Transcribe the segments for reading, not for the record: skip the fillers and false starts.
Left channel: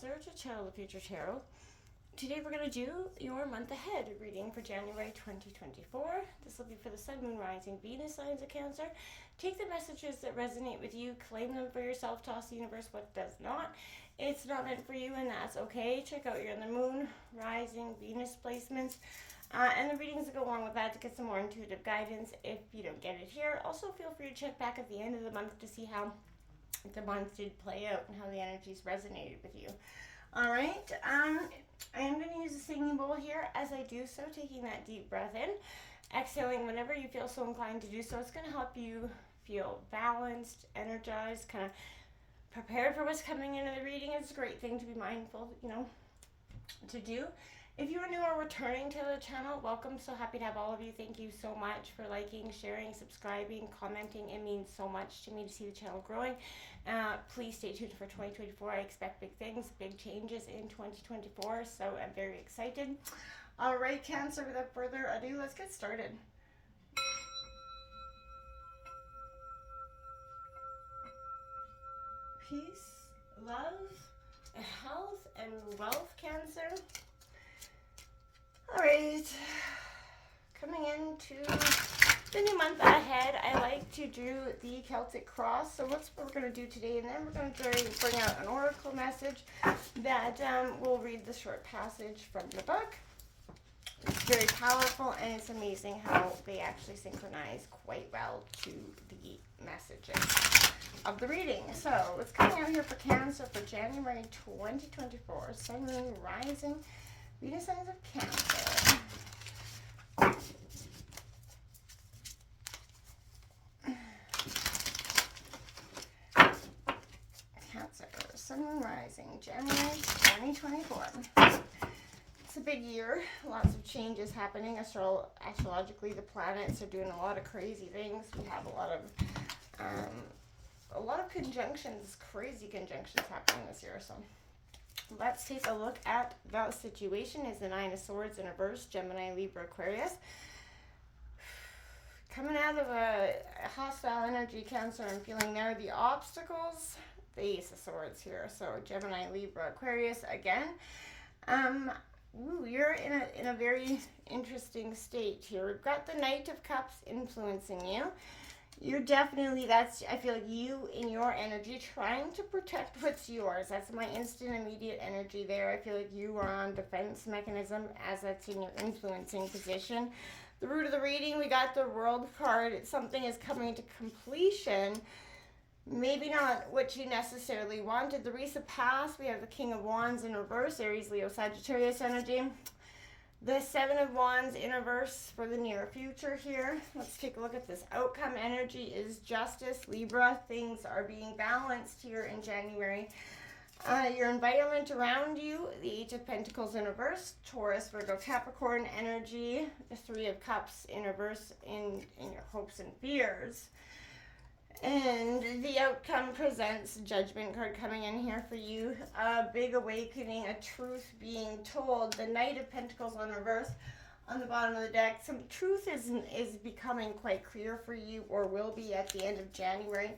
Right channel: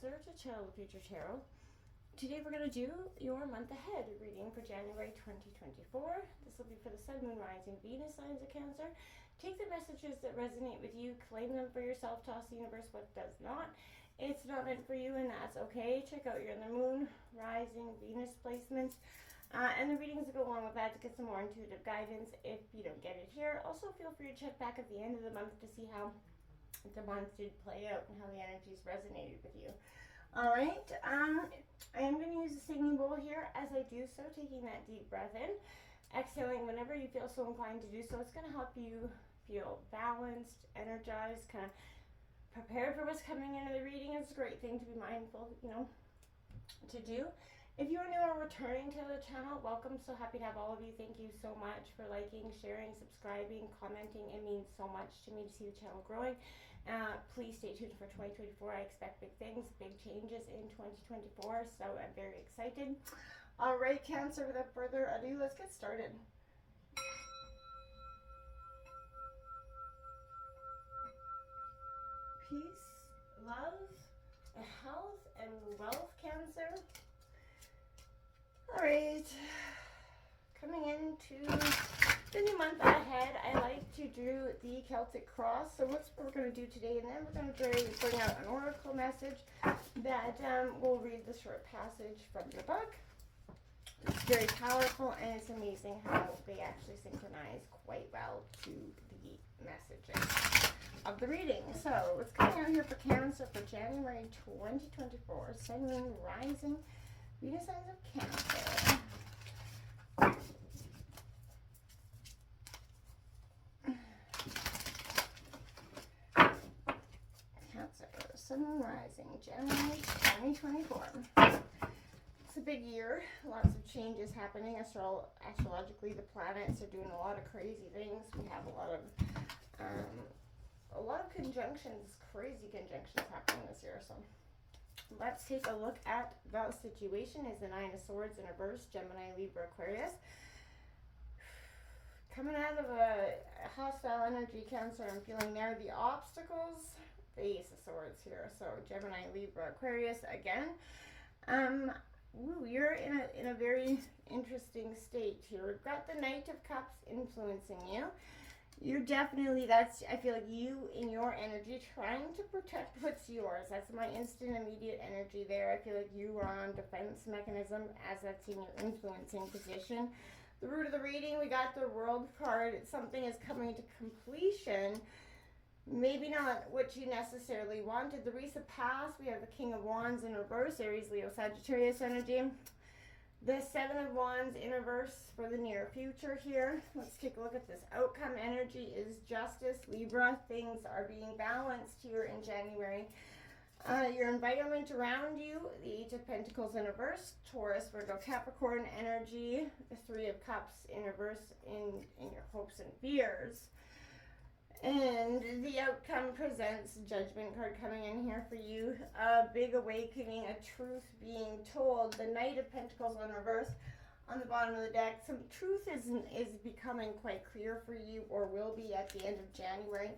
Cancer to Channel the Future Tarot. Today we're going to do your month ahead reading for January 2024. This will be for the Sun, Moon, Rising, Venus signs of Cancer. Take the messages that resonate with you, claim them for yourself, toss the universe what does not. It's not meant for you, and that's okay. Check out your Moon, Rising, Venus placements. And the readings that go along with that to get some more intuitive guidance if you don't get it here. Also, feel free to check back at the end of the month to see how the month did play out and how the energies resonated with you. All right, I am going to use a singing bowl here as I do so, taking that deep breath in, exhaling whenever you feel so inclined to do so. It's going to help you feel balanced, energized, kind of prepared for what's coming into the reading. It's a great thing to be mindful, to do. If you are new or returning to the channel, welcome. So happy to have all of you. Thank you so much for liking, sharing, subscribing, commenting. It means so much to me to see the channel growing. Please stay tuned for 2024. I expect big things, big changes in 2024. So I'm very excited. All right, Cancer, without further ado, let's get started. Peace, love, health, and wealth, Cancer. All right, coming into the new month ahead, I like to do the Celtic cross. So what's what we're going to do today, and then we're going to bring out an oracle message that we'll read the short passage from the book. It's very powerful, and it's amazing how they actually synchronize quite well to the messages of the reading. So what's coming out here for Cancer for January 2024, Sun, Moon, Rising, Venus signs of Cancer. Cancer, Sun, Moon, Rising, January 2024. It's a big year. Lots of changes happening. Astrologically, the planets are doing a lot of crazy things. We have a lot of conjunctions, crazy conjunctions happening this year. So let's take a look at the situation. Is the Nine of Swords in reverse, Gemini, Libra, Aquarius. Coming out of a hostile energy, Cancer, I'm feeling there. The obstacles, the Ace of Swords here. So Gemini, Libra, Aquarius again. You're in a very interesting state here. We've got the Knight of Cups influencing you. You're definitely, I feel like you in your energy trying to protect what's yours. That's my instant immediate energy there. I feel like you are on defense mechanism as that's in your influencing position. The root of the reading, we got the World card. Something is coming to completion. Maybe not what you necessarily wanted. The recent past, we have the King of Wands in reverse, Aries, Leo, Sagittarius energy. The Seven of Wands in reverse for the near future here. Let's take a look at this. Outcome energy is justice, Libra. Things are being balanced here in January. Your environment around you, the Eight of Pentacles in reverse, Taurus, Virgo, Capricorn energy. The Three of Cups in reverse in your hopes and fears. And the outcome presents Judgment card coming in here for you. A big awakening, a truth being told. The Knight of Pentacles in reverse on the bottom of the deck. Some truth is becoming quite clear for you, or will be at the end of January.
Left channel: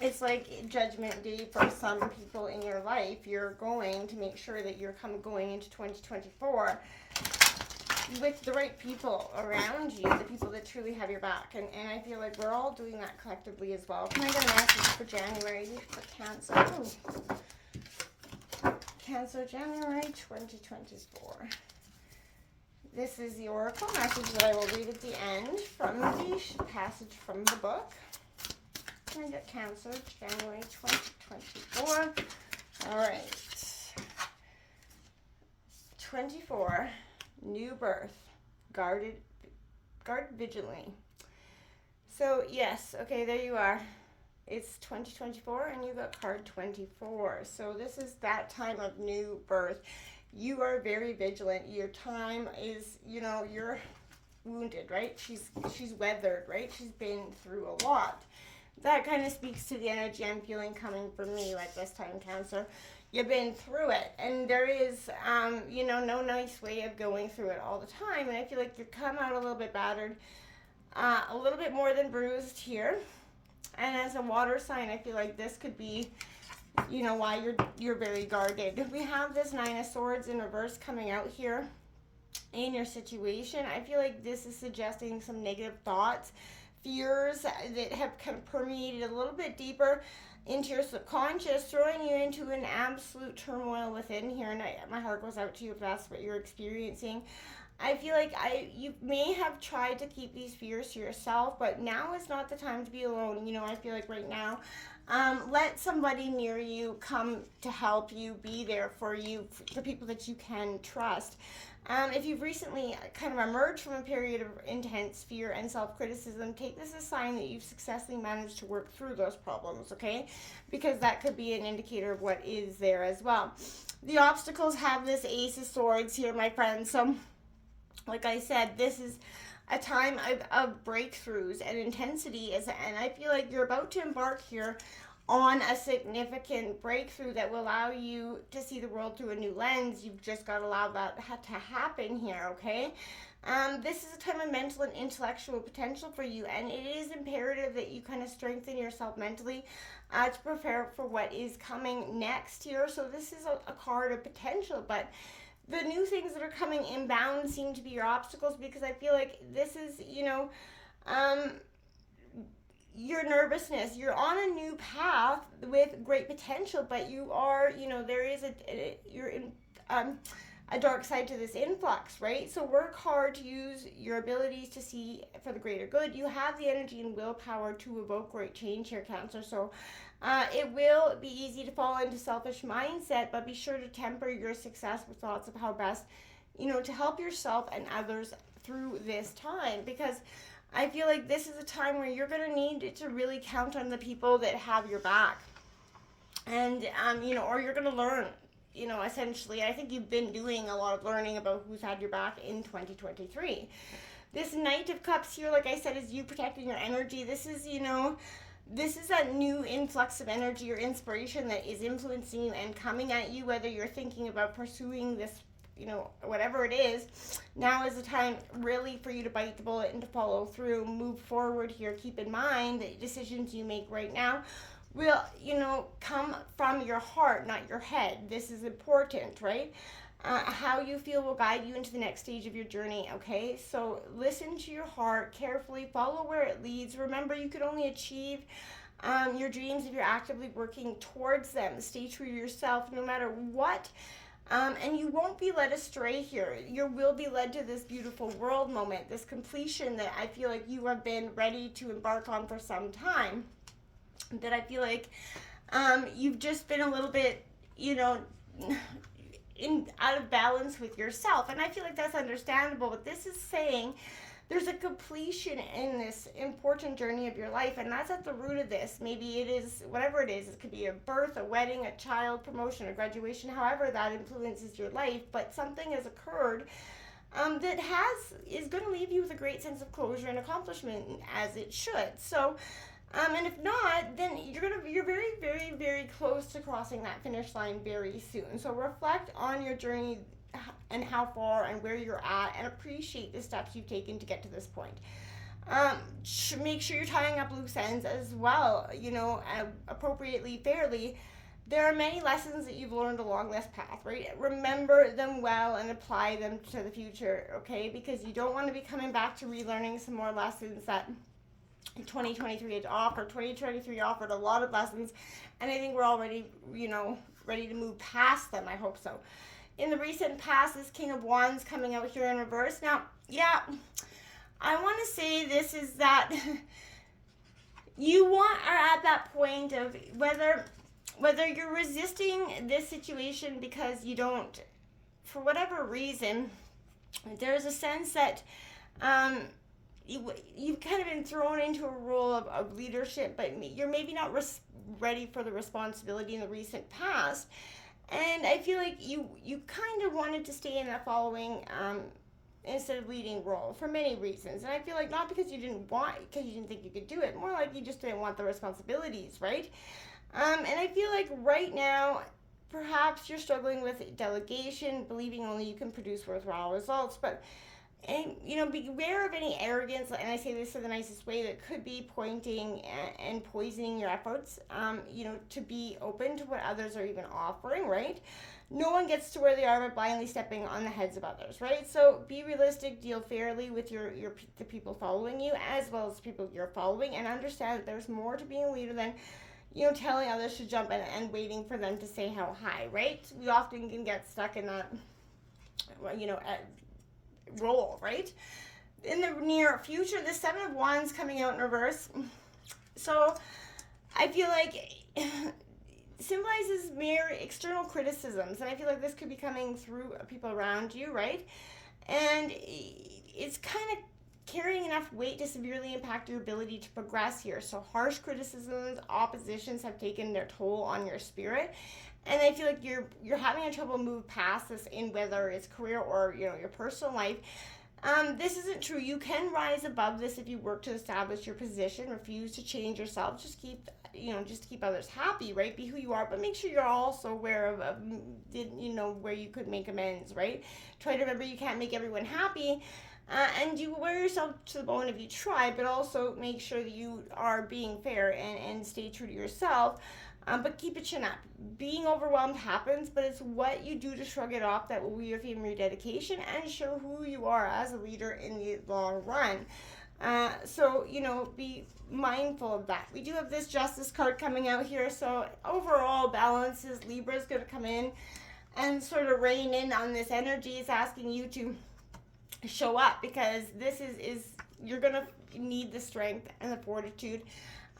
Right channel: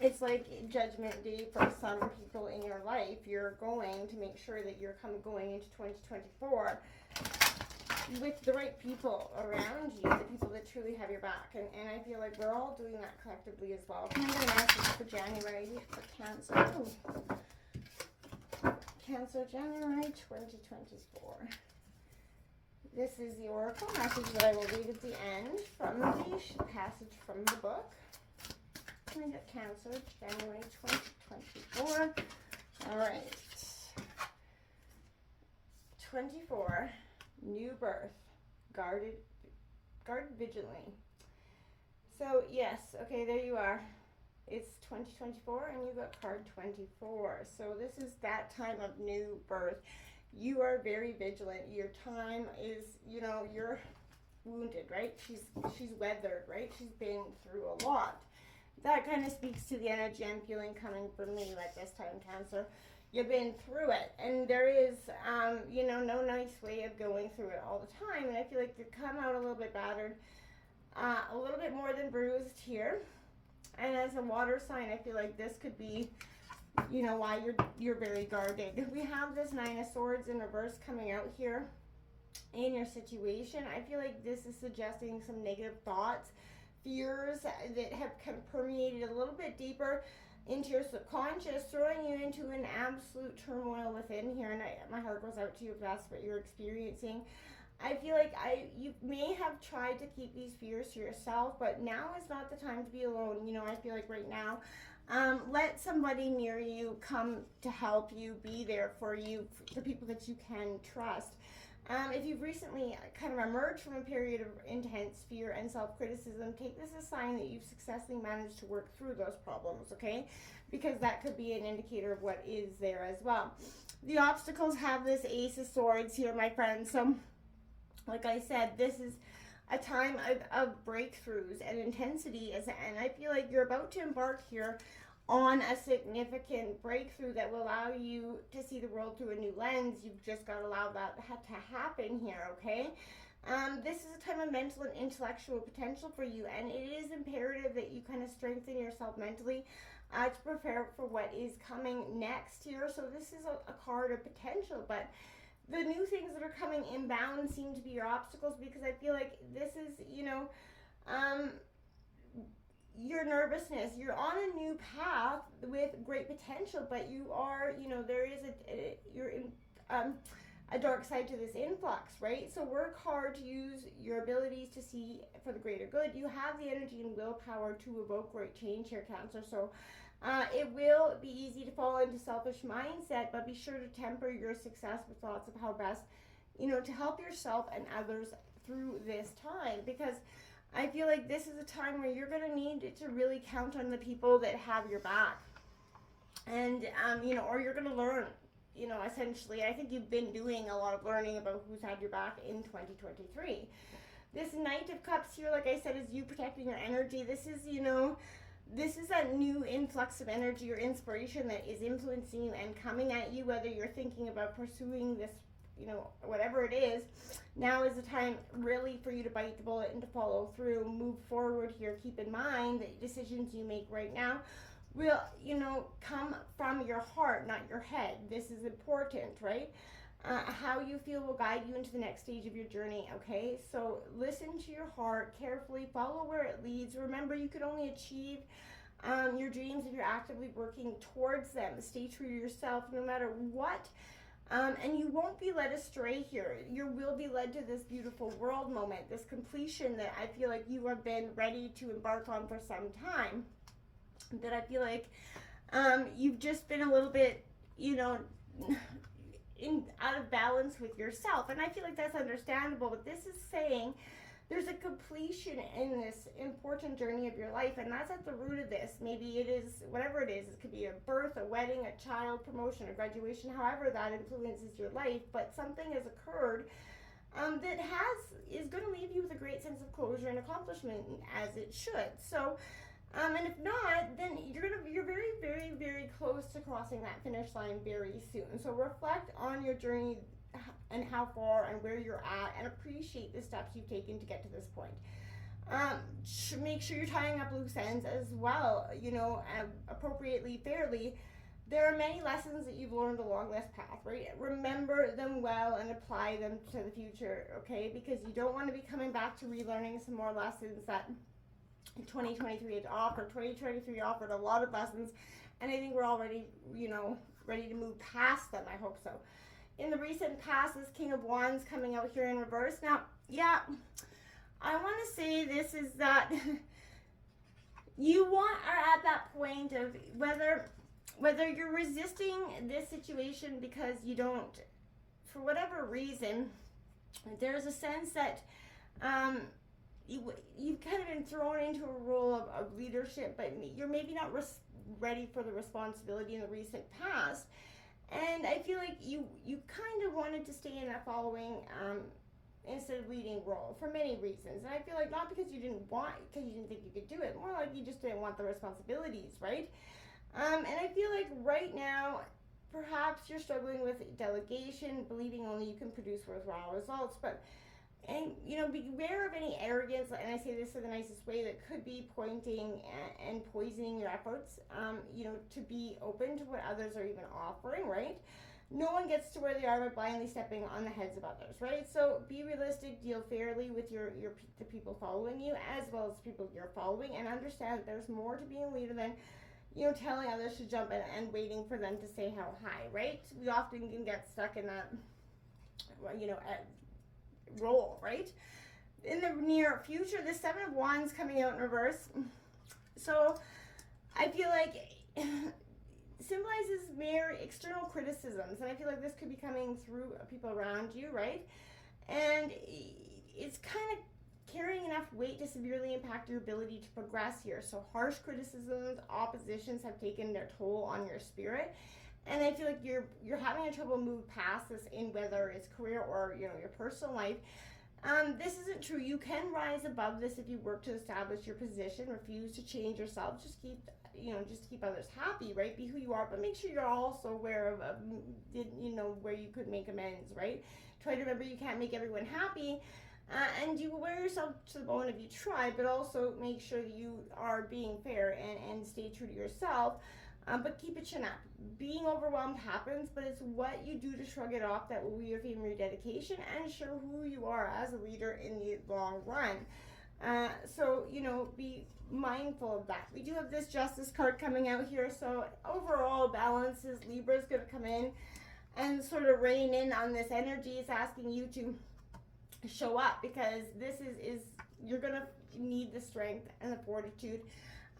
It's like Judgment Day for some people in your life. You're going to make sure that you're going into 2024 with the right people around you, the people that truly have your back. And I feel like we're all doing that collectively as well. Can I get a message for January for Cancer? Ooh. Cancer, January 2024. This is the oracle message that I will read at the end from the passage from the book. Can I get Cancer, January 2024? All right. 24. New birth, guard vigilantly. So yes, okay, there you are. It's 2024 and you got card 24. So this is that time of new birth. You are very vigilant. Your time is, you're wounded, right? She's weathered, right? She's been through a lot. That kind of speaks to the energy I'm feeling coming from you at this time, Cancer. You've been through it, and there is, no nice way of going through it all the time, and I feel like you come out a little bit battered, a little bit more than bruised here, and as a water sign, I feel like this could be you know, why you're very guarded. We have this Nine of Swords in reverse coming out here in your situation. I feel like this is suggesting some negative thoughts, fears that have kind of permeated a little bit deeper into your subconscious, throwing you into an absolute turmoil within here. And my heart goes out to you if that's what you're experiencing. I feel like you may have tried to keep these fears to yourself, but now is not the time to be alone. You know, I feel like right now, let somebody near you come to help you, be there for you, the people that you can trust. If you've recently kind of emerged from a period of intense fear and self-criticism, take this as a sign that you've successfully managed to work through those problems, okay? Because that could be an indicator of what is there as well. The obstacles have this Ace of Swords here, my friends. So, like I said, this is a time of breakthroughs and intensity, and I feel like you're about to embark here on a significant breakthrough that will allow you to see the world through a new lens. You've just got to allow that to happen here, okay? This is a time of mental and intellectual potential for you, and it is imperative that you kind of strengthen yourself mentally to prepare for what is coming next here. So this is a card of potential, but the new things that are coming inbound seem to be your obstacles, because I feel like this is, you know, your nervousness. You're on a new path with great potential, but you are, you know, there is you're in a dark side to this influx, right? So work hard to use your abilities to see for the greater good. You have the energy and willpower to evoke great change here, Cancer. So it will be easy to fall into selfish mindset, but be sure to temper your success with thoughts of how best, you know, to help yourself and others through this time, because I feel like this is a time where you're going to need to really count on the people that have your back. And, you know, or you're going to learn, you know, essentially. I think you've been doing a lot of learning about who's had your back in 2023. This Knight of Cups here, like I said, is you protecting your energy. This is, you know, this is that new influx of energy or inspiration that is influencing you and coming at you, whether you're thinking about pursuing this, you know, whatever it is. Now is the time really for you to bite the bullet and to follow through, move forward here. Keep in mind that decisions you make right now will, you know, come from your heart, not your head. This is important, right? How you feel will guide you into the next stage of your journey, okay? So listen to your heart carefully, follow where it leads. Remember, you could only achieve your dreams if you're actively working towards them. Stay true to yourself no matter what. And you won't be led astray here. You will be led to this beautiful world moment, this completion that I feel like you have been ready to embark on for some time. That I feel like you've just been a little bit, you know, out of balance with yourself. And I feel like that's understandable, but this is saying there's a completion in this important journey of your life, and that's at the root of this. Is whatever it is. It could be a birth, a wedding, a child, promotion, a graduation, however that influences your life, but something has occurred that is going to leave you with a great sense of closure and accomplishment, as it should. So and if not, then you're very, very, very close to crossing that finish line very soon. So reflect on your journey and how far and where you're at, and appreciate the steps you've taken to get to this point. Make sure you're tying up loose ends as well, you know, appropriately, fairly. There are many lessons that you've learned along this path, right? Remember them well and apply them to the future, okay? Because you don't want to be coming back to relearning some more lessons that 2023 had offered. 2023 offered a lot of lessons, and I think we're already, you know, ready to move past them. I hope so. In the recent past, this King of Wands coming out here in reverse. Now, yeah, I want to say this is that you are at that point of whether you're resisting this situation because you don't, for whatever reason, there's a sense that you've kind of been thrown into a role of leadership, but you're maybe not ready for the responsibility in the recent past. And I feel like you kind of wanted to stay in that following instead of leading role for many reasons. And I feel like not because you didn't think you could do it, more like you just didn't want the responsibilities, right? And I feel like right now, perhaps you're struggling with delegation, believing only you can produce worthwhile results, but And, beware of any arrogance, and I say this in the nicest way, that could be pointing and poisoning your efforts, to be open to what others are even offering, right? No one gets to where they are by blindly stepping on the heads of others, right? So be realistic, deal fairly with the people following you, as well as the people you're following, and understand that there's more to being a leader than telling others to jump in and waiting for them to say how high, right? We often can get stuck in that, role, right? In the near future, the Seven of Wands coming out in reverse. So I feel like symbolizes mere external criticisms, and I feel like this could be coming through people around you, right? And it's kind of carrying enough weight to severely impact your ability to progress here. So harsh criticisms, oppositions have taken their toll on your spirit, and I feel like you're having a trouble move past this in whether it's career or your personal life. This isn't true. You can rise above this if you work to establish your position. Refuse to change yourself. Just keep others happy, right? Be who you are, but make sure you're also aware of where you could make amends, right? Try to remember you can't make everyone happy, and you wear yourself to the bone if you try, but also make sure that you are being fair and stay true to yourself. But keep a chin up. Being overwhelmed happens, but it's what you do to shrug it off that will reaffirm your dedication and show who you are as a leader in the long run. So, be mindful of that. We do have this Justice card coming out here, so overall balance is Libra's going to come in and sort of rein in on this energy. It's asking you to show up, because this is you're going to need the strength and the fortitude.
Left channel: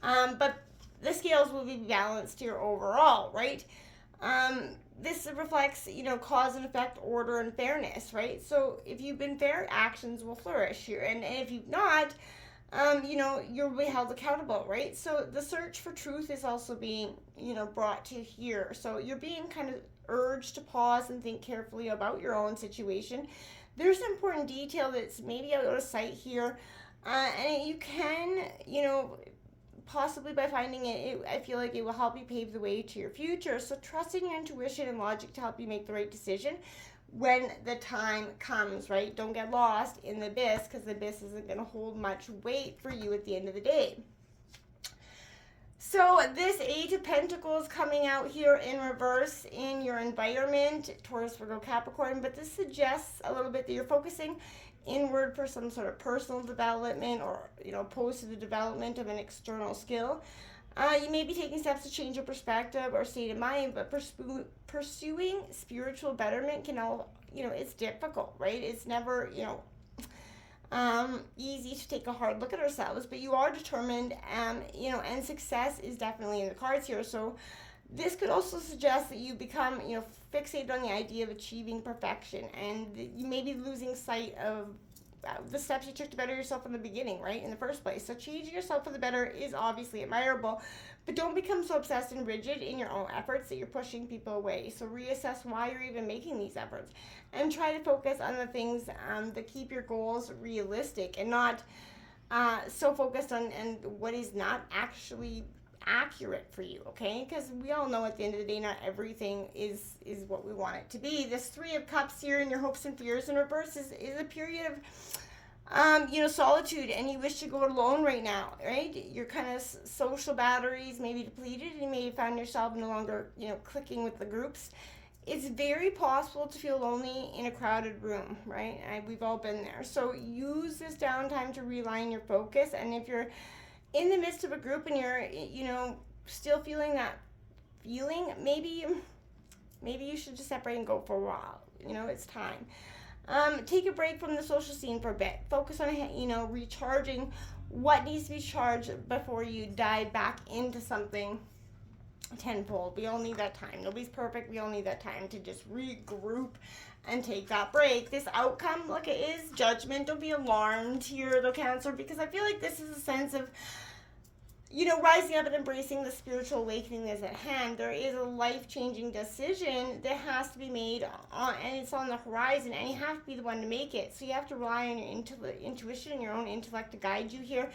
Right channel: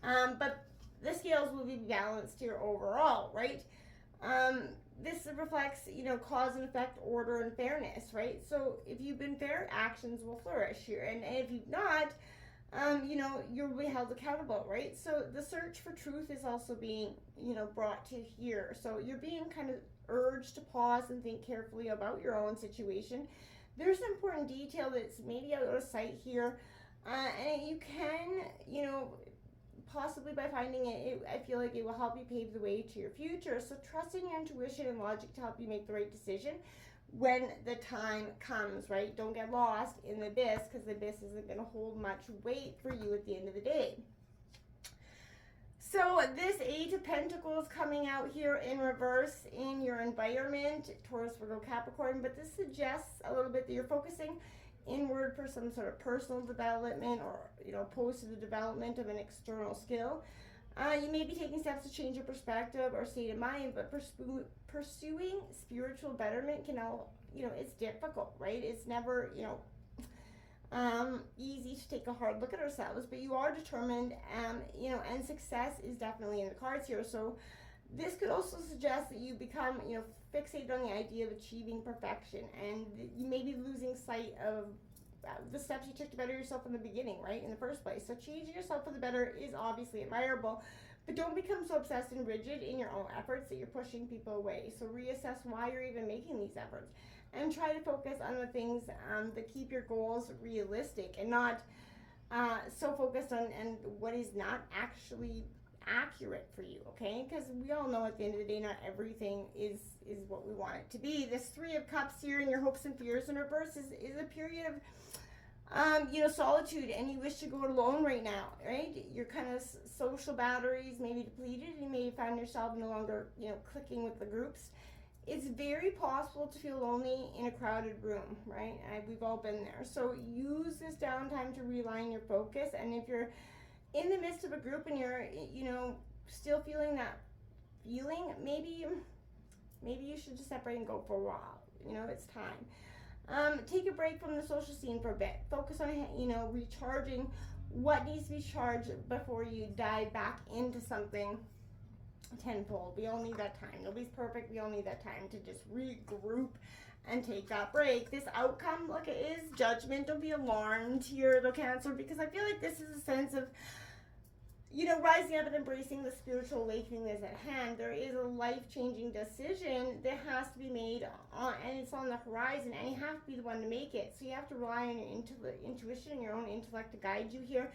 But the scales will be balanced here overall, right? This reflects, cause and effect, order, and fairness, right? So if you've been fair, actions will flourish here. And if you've not, you'll be held accountable, right? So the search for truth is also being, brought to here. So you're being kind of urged to pause and think carefully about your own situation. There's an important detail that's maybe out of sight here. And you can, possibly by finding it, I feel like it will help you pave the way to your future. So trust in your intuition and logic to help you make the right decision when the time comes, right? Don't get lost in the abyss, because the abyss isn't going to hold much weight for you at the end of the day. So this Eight of Pentacles coming out here in reverse in your environment, Taurus, Virgo, Capricorn, but this suggests a little bit that you're focusing inward for some sort of personal development, or opposed to the development of an external skill. You may be taking steps to change your perspective or state of mind, but pursuing spiritual betterment can it's difficult, right? It's never easy to take a hard look at ourselves, but you are determined, and success is definitely in the cards here. So this could also suggest that you become fixated on the idea of achieving perfection, and you may be losing sight of the steps you took to better yourself in the beginning, right, in the first place. So changing yourself for the better is obviously admirable, but don't become so obsessed and rigid in your own efforts that you're pushing people away. So reassess why you're even making these efforts, and try to focus on the things that keep your goals realistic, and not so focused on what is not actually accurate for you, okay? Because we all know at the end of the day, not everything is what we want it to be. This Three of Cups here in your hopes and fears in reverse is a period of solitude, and you wish to go it alone right now, right? Your kind of social batteries may be depleted, and you may find yourself no longer clicking with the groups. It's very possible to feel lonely in a crowded room, right? We've all been there. So use this downtime to realign your focus, and if you're in the midst of a group and you're still feeling that feeling, maybe you should just separate and go for a while. It's time. Take a break from the social scene for a bit. Focus on recharging what needs to be charged before you dive back into something tenfold. We all need that time. Nobody's perfect. We all need that time to just regroup and take that break. This outcome, look, it is judgment. Don't be alarmed here, though, Cancer, because I feel like this is a sense of rising up and embracing the spiritual awakening that's at hand. There is a life-changing decision that has to be made, and it's on the horizon, and you have to be the one to make it. So you have to rely on your intuition and your own intellect to guide you here,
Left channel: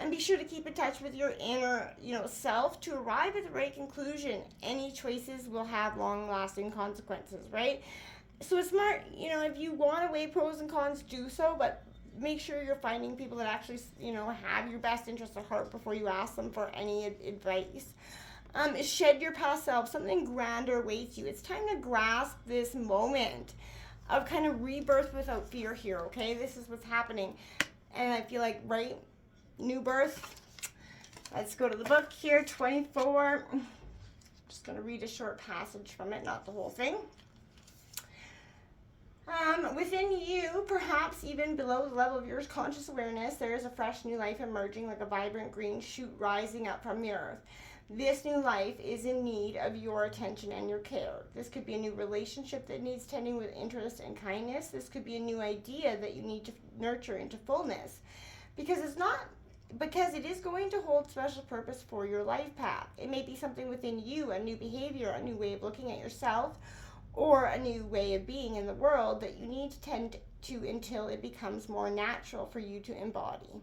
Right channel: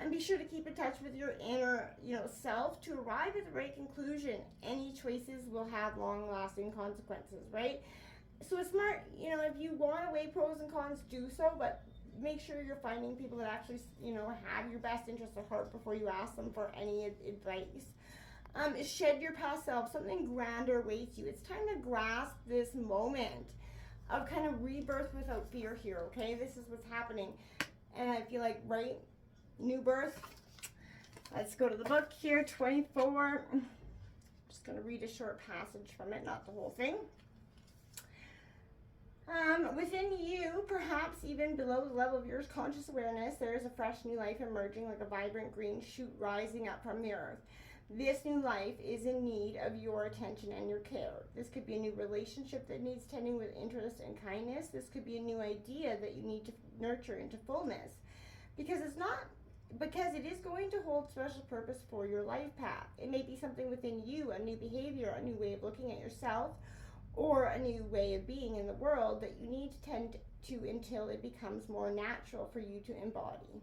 and be sure to keep in touch with your inner, self to arrive at the right conclusion. Any choices will have long-lasting consequences, right? So it's smart, you know, if you want to weigh pros and cons, do so, but make sure you're finding people that actually, you know, have your best interest at heart before you ask them for any advice. Shed your past self. Something grander awaits you. It's time to grasp this moment of kind of rebirth without fear here, okay? This is what's happening. And I feel like, right, new birth. Let's go to the book here, 24. Just going to read a short passage from it, not the whole thing. Within you, perhaps even below the level of your conscious awareness, there is a fresh new life emerging like a vibrant green shoot rising up from the earth. This new life is in need of your attention and your care. This could be a new relationship that needs tending with interest and kindness. This could be a new idea that you need to nurture into fullness. Because it is going to hold special purpose for your life path. It may be something within you, a new behavior, a new way of looking at yourself, or a new way of being in the world that you need to tend to until it becomes more natural for you to embody.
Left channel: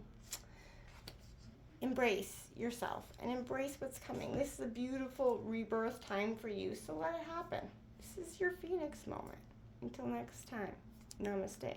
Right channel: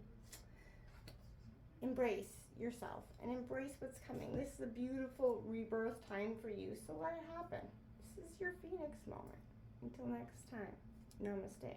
Embrace yourself and embrace what's coming. This is a beautiful rebirth time for you, so let it happen. This is your Phoenix moment. Until next time, namaste.